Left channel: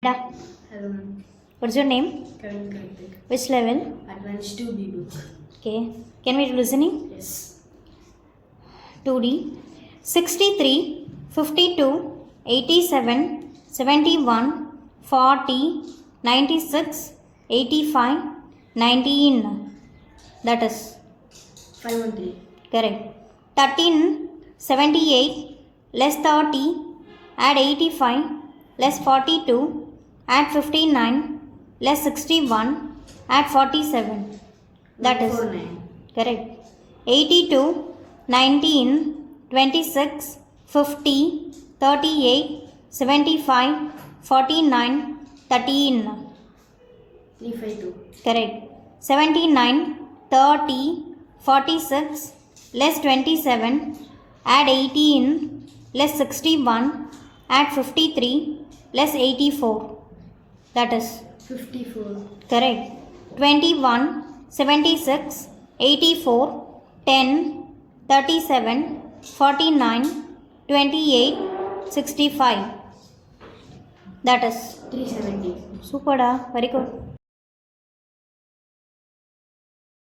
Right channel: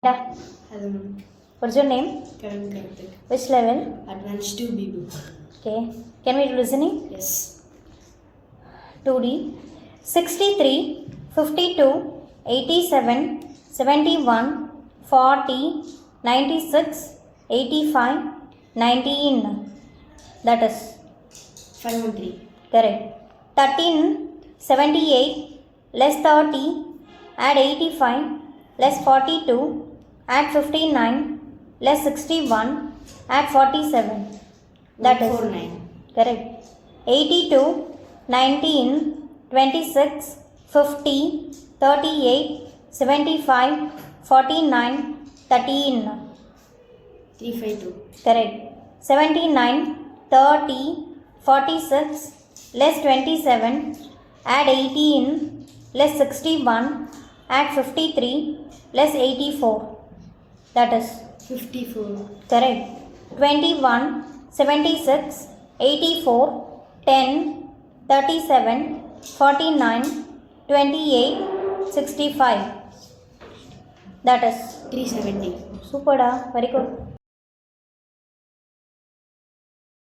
Hello ma'am. What's your name? Karan Karthik. Which level? Advanced 2B book. Okay. Can we do listening? Yes. 2D. 63, 52, 87, 71, 40, 96, 85, 19. That is 513. correct. 13, 78, less 30, add 85, less 42, add 59, less 61, add 47. That is 149. correct. 82, 19, 26, 50, 38, 75, 49, 13. 352. Correct. 79, 30, 46, less 27, add 18, less 61, add 53, less 84. That is 54. correct. 21, 76, 84, 10, 37, 49, 28, 65. That is 370. super da. Very good.